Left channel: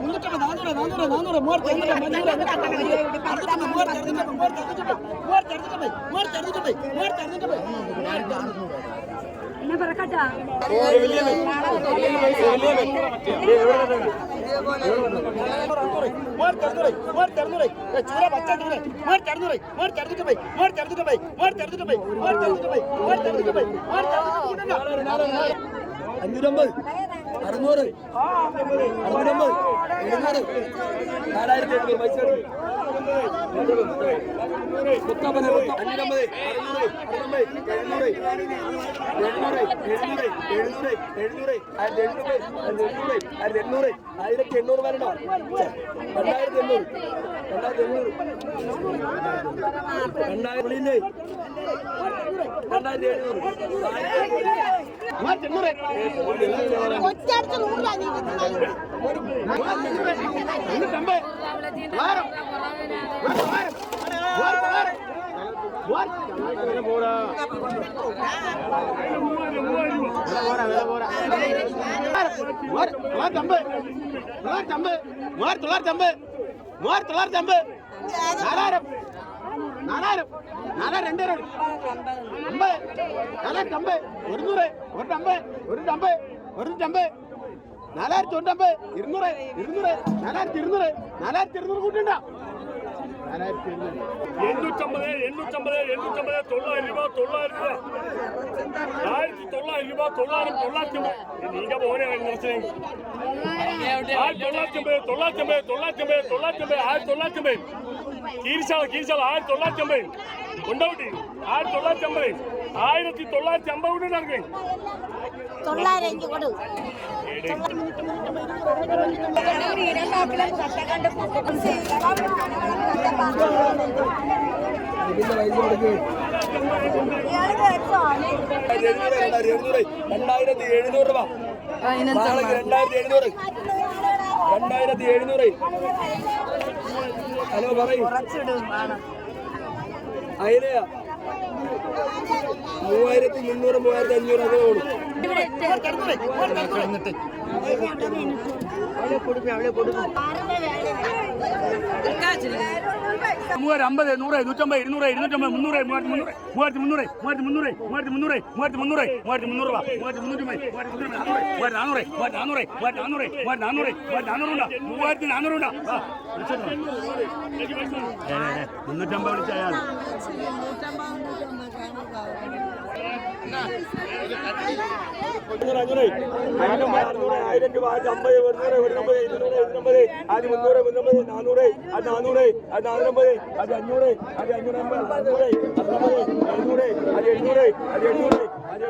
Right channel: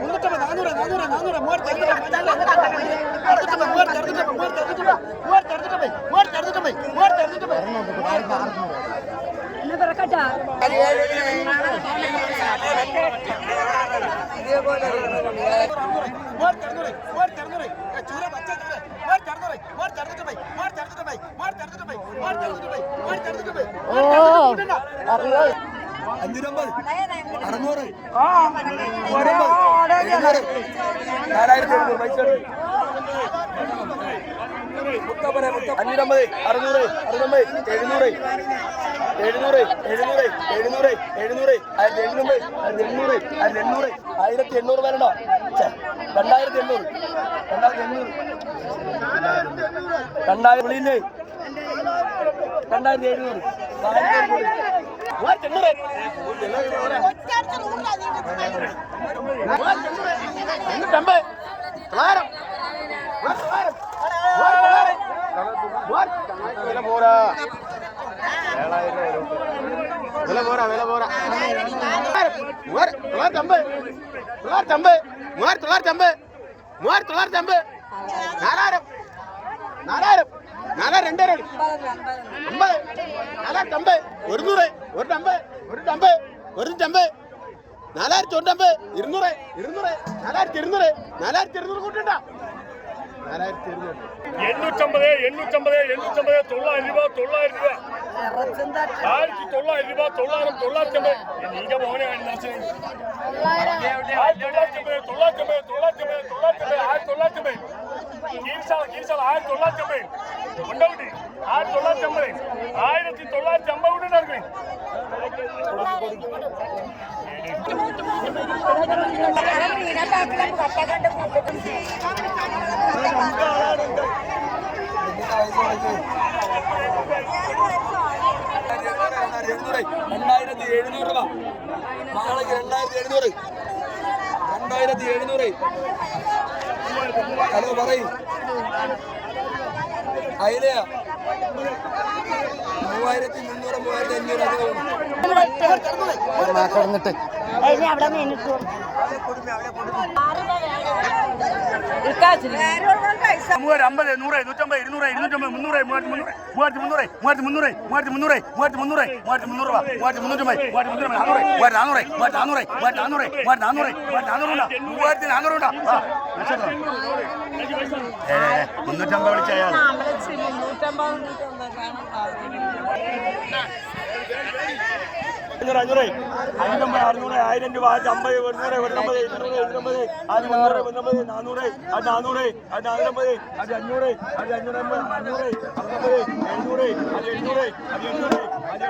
മുന്നൂറ്റമ്പത് നാനൂറ് നാനൂറ് നാനൂറ് മൂവായിരത്തി മൂവായിരത്തി അറുന്നൂറ്റമ്പത് മൂവായിരത്തി അറുന്നൂറ്റമ്പത് മൂവായിരത്തി അറുന്നൂറ്റമ്പത് മൂവായിരത്തി അറുന്നൂറ്റമ്പത് എന്നെ പറക്കട്ടാ മൂവായിരത്തി അഞ്ഞൂറ്റമ്പത്. അറുന്നൂറ്. അറുന്നൂറ്റമ്പത്. എഴുന്നൂറ്. നാലായിരത്തി എഴുന്നൂറ് പൈസ അഞ്ഞൂറ്റമ്പത് അറുന്നൂറ് അറുന്നൂറ് എഴുന്നൂറ് എഴുന്നൂറ് എഴുന്നൂറ് എഴുന്നൂറ് എഴുന്നൂറ് ആയിരത്തി ആയിരത്തി എണ്ണൂറ് ആയിരത്തി എണ്ണൂറ് ആയിരത്തി എണ്ണൂറ് വരണോ? രണ്ടായിരത്തി എണ്ണൂറ് രണ്ടായിരത്തി എണ്ണൂറ്. രണ്ടായിരം വിളിയില്ലേ രണ്ടായിരത്തി എഴുന്നൂറ്. എണ്ണൂറ്. മൂവായിരത്തി എണ്ണൂറ്. എണ്ണൂറ്റമ്പത്. തൊള്ളായിരം മൂവായിരത്തി തൊള്ളായിരം മൂവായിരത്തി തൊള്ളായിരം മൂവായിരത്തി വില പോരാ വില പോരാ വില പോരാ തൊള്ളായിരത്തി അമ്പത് തൊള്ളായിരത്തി അമ്പത് മൂവായിരത്തി തൊള്ളായിരത്തി അമ്പത് മൂവായിരത്തി തൊള്ളായിരത്തി അമ്പത് നാലായിരം നാലായിരം നാലായിരം രണ്ടായിരം അമ്പത് നാലായിരത്തി അമ്പത് ഒരുന്നൂറ് ഒരു അമ്പത് ഒരു അമ്പത് ഒരു അമ്പത് നാലായിരത്തി തൊണ്ണൂറ്റമ്പത് ഇരുന്നൂറ് ഇരുന്നൂറ് നാലായിരത്തി ഇരുന്നൂറ് നാലായിരത്തി ഇരുന്നൂറ് കൂട്ടണ്ട നാലായിരത്തി ഇരുന്നൂറ് എണ്ണൂറ്റമ്പത് എണ്ണൂറ്റമ്പത് എണ്ണൂറ്റമ്പത് തൊള്ളായിരം രൂപ തൊള്ളായിരം രൂപ. ആയിരത്തി തൊള്ളായിരം രൂപ തൊള്ളായിരം തൊള്ളായിരത്തമ്പത് നീங்க പോനെ നിറച്ചത് ആയിരത്തി തൊള്ളായിരത്തി അമ്പത് തൊള്ളായിരത്തമ്പത് ആയിരത്തി കൊണ്ടോട്ടി തൊള്ളായിരത്തി അമ്പത് കൊണ്ട് നടക്കണേ രണ്ടായിരത്തി എഴുന്നൂറ് രൂപ. നാളേക്ക് രണ്ടായിരത്തി എഴുന്നൂറ് രണ്ടായിരത്തി എഴുന്നൂറ്. ഹലോ പറയും അയിലയാ മൂവായിരത്തി മുന്നൂറ് മൂവായിരത്തി അഞ്ഞൂറ് അങ്ങനെ കൊടുക്കും അവിടെ നിന്നിട്ടു മൂവായിരം അമ്പത് നൂറ് നൂറ്റമ്പത് ഇരുന്നൂറ് ഇരുന്നൂറ്റമ്പത് മുന്നൂറ് മൂവായിരത്തി മുന്നൂറ് മൂവായിരത്തി മുന്നൂറ് മൂവായിരത്തി മുന്നൂറ് മൂവായിരത്തി മുന്നൂറ് മൂവായിരത്തി മുന്നൂറ് മൂവായിരത്തി മുന്നൂറ് മൂവായിരത്തി മുന്നൂറ്റമ്പത് മൂവായിരത്തി നാനൂറ് മൂവായിരത്തി നാനൂറ് മൂവായിരത്തി നാനൂറ് മൂവായിരത്തി നാനൂറ് മൂവായിരത്തി നാനൂറ് മൂവായിരത്തി നാനൂറ് ഉണ്ടാ? മുന്നൂറ്റമ്പത് വിളിച്ചയാൾ അഞ്ഞൂറ് അഞ്ഞൂറ് അഞ്ഞൂറ് അറുന്നൂറ് ആയിരം രൂപ ആയിരത്തി അമ്പത് ഒരുന്നൂറ് ഒരുന്നമ്പത് ഇരുന്നൂറ് ഇരുന്നമ്പത് അത് മുന്നൂറ് മുന്നമ്പത് നാനൂറ് അത് നാനൂറ് അത് നാനൂറ്റമ്പത് അത് അഞ്ഞൂറ് അത് അഞ്ഞൂറ് അമ്പത് അഞ്ഞൂറ് അമ്പത് എഴുന്നൂറ് അത് എഴുന്നൂറ് അത് എഴുന്നൂറ് അത്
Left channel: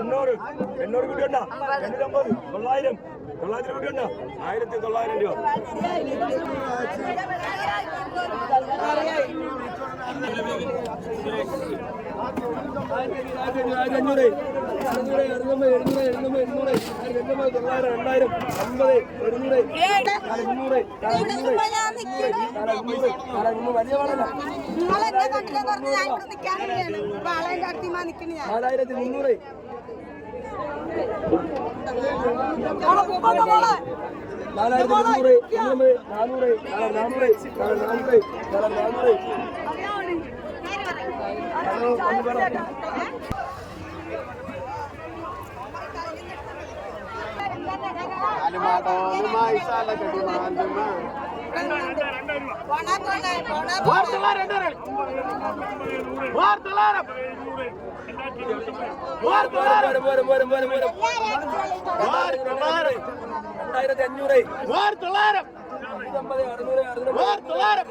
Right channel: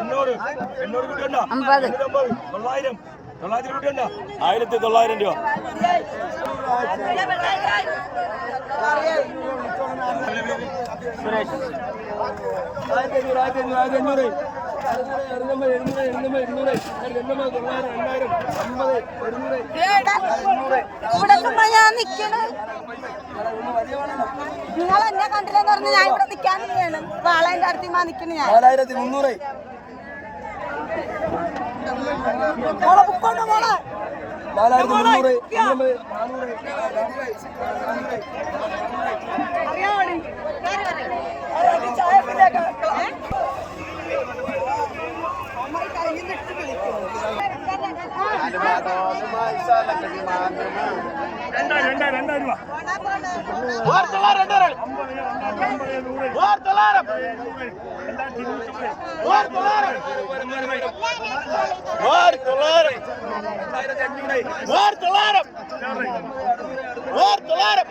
എണ്ണൂറ് എണ്ണൂറ് എണ്ണൂറ്റമ്പത് തൊള്ളായിരം ആയിരത്തി തൊള്ളായിരം രൂപ. നിങ്ങൾ എന്നെ കണ്ടില്ലെന്ന് പറഞ്ഞ് ഞാൻ ഇവിടെ നിൽക്കാനിരിക്കുകയാണ് വാളേന്റെ അടുത്ത് നിൽക്കുന്നു ഞാൻ. നാലായിരത്തി മുന്നൂറ് മുന്നൂറ് നാനൂറ് നാനൂറ് നാനൂറ് നാനൂറ്. രണ്ടായിരം രണ്ടായിരം രണ്ടായിരം രൂപ മൂവായിരത്തി തൊള്ളായിരം രണ്ടായിരം മൂവായിരത്തി തൊള്ളായിരം രണ്ടായിരത്തി ഇരുപത്തി മൂവായിരത്തി തൊള്ളായിരം മൂവായിരത്തി തൊള്ളായിരം രണ്ടായിരത്തി അഞ്ഞൂറ് മൂവായിരത്തി തൊള്ളായിരം മൂവായിരത്തി തൊള്ളായിരം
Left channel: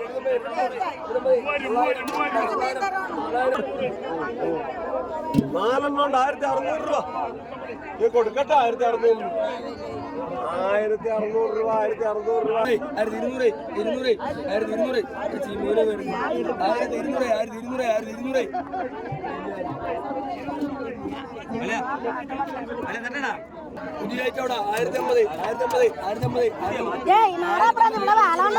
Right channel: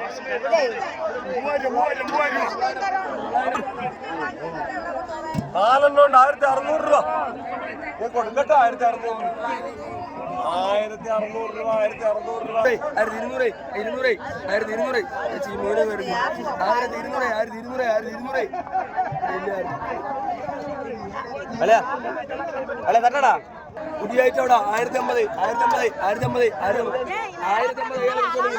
മൂവായിരം മൂവായിരം മൂവായിരം നാലെണ്ണം ഉണ്ട്. ആയിരത്തി അറുന്നൂറ് രൂപ. കൊടുക്കട്ടെ ആയിരത്തി അറുന്നൂറ്. ആയിരത്തി അറുന്നൂറ് രൂപ ആയിരത്തി അറുന്നൂറ് രൂപ. ആയിരത്തി ഇരുന്നൂറ് ഇരുന്നൂറ് ആയിരത്തി ഇരുന്നൂറ് ചേച്ചി മീന് വരുന്നു. ആയിരത്തി ഇരുന്നൂറ് ആയിരത്തി ഇരുന്നൂറ് ആയിരത്തി ഇരുന്നൂറ് അല്ല അല്ല തന്നടാ പുതിയ അവിടെ ആയിരത്തി അമ്പത് ആയിരത്തി അമ്പത് ആയിരത്തി അമ്പത് ആയിരത്തി അമ്പത് ആയിരത്തി അമ്പത്